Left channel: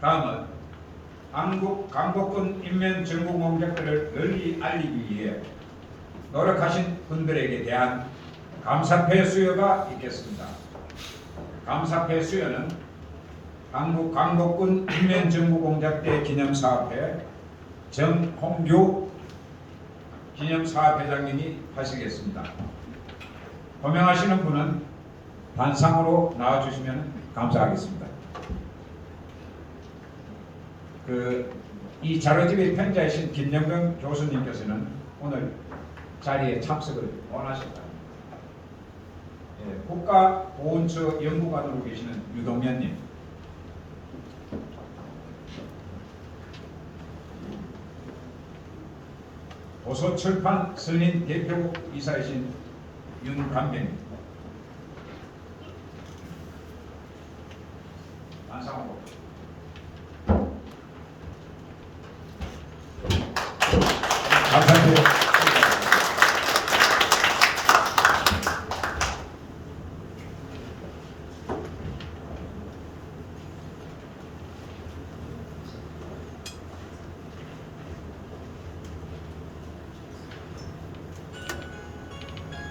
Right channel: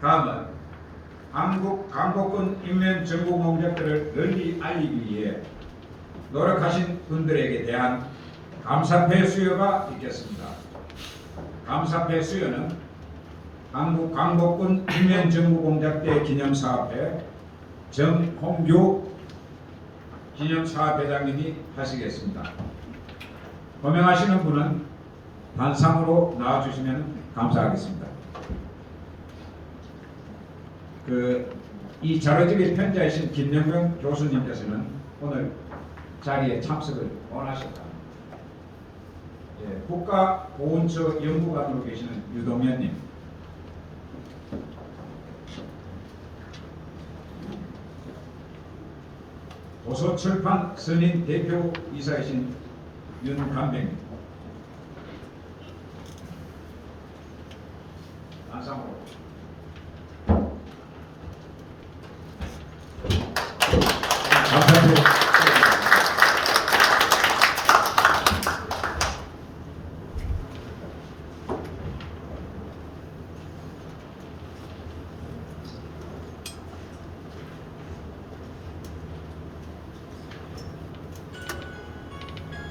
다음은 한국 강복군 인면 정부 공작들을 널리 알리기 위해 노력하신 분들에게 대한 감사패 수여가 있겠습니다. 감사패 수여는 한국 강복군 인면 정부 공작대 기념사업회 정홍규 기념사업회장님이 하시겠습니다. 호명하시는 분은 단상으로 나와주시면 감사하겠습니다. 그 이 자료집의 편자이신 김영경 교수님께서는 오늘 자리에 참석을 원하셨다. 예, 국가보훈처 연구관으로 계시는 유동현님, 도서출판 선임 대표 이사이신 윤감백 안상으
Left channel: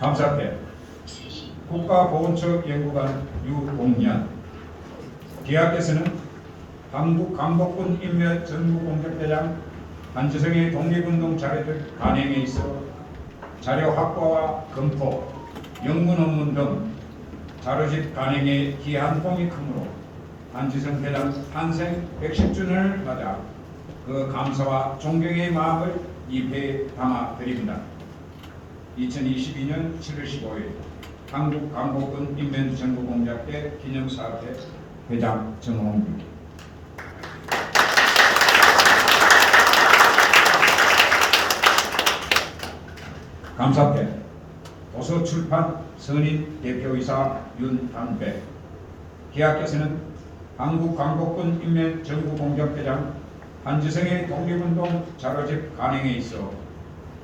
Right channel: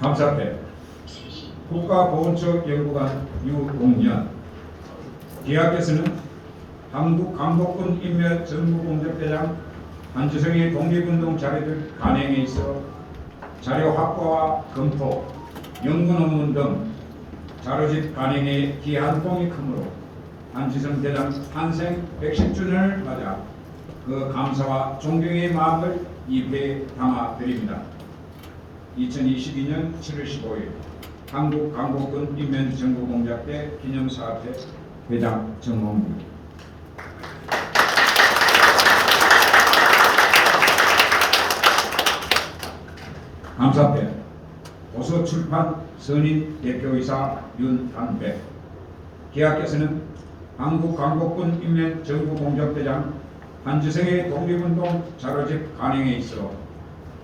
감사합니다. 국가보훈처 연구관 유동년 기업에서는 한국 강복군 인멸 전무공작대장 한지성의 독립운동 자료들 관행에 있어 자료 확보와 검토, 연구 논문 등 자료집 관행에 기한 공이 크므로 한지성 대장 탄생 110주년을 맞아 그 감사와 존경의 마음을 입에 담아 드립니다. 2022년 7월 15일 한국 강복군 인면정부공작대 기념사업회 회장 정원입니다. 감사패 도서출판 선임 대표이사 윤한배 기학께서는 한국 강복군 인면정부공작대장 한지성의 독립운동 자료집 간행에 있어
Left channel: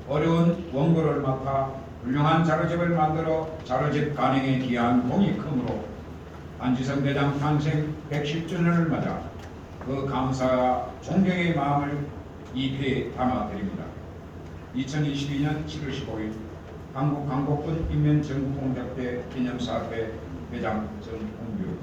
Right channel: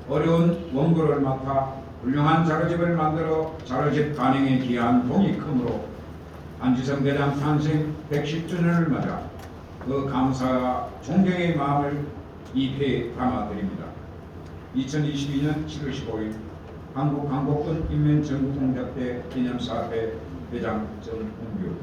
어려운 원고를 맡아 훌륭한 자료집을 만들어 자료집 간행에 기한 공이 크므로 안지성 대장 탄생 110주년을 맞아 그 감사와 존경의 마음을 입에 담아드립니다. 2022년 7월 15일 한국 강복군 인면정부공작대 기념사업회 회장 정홍규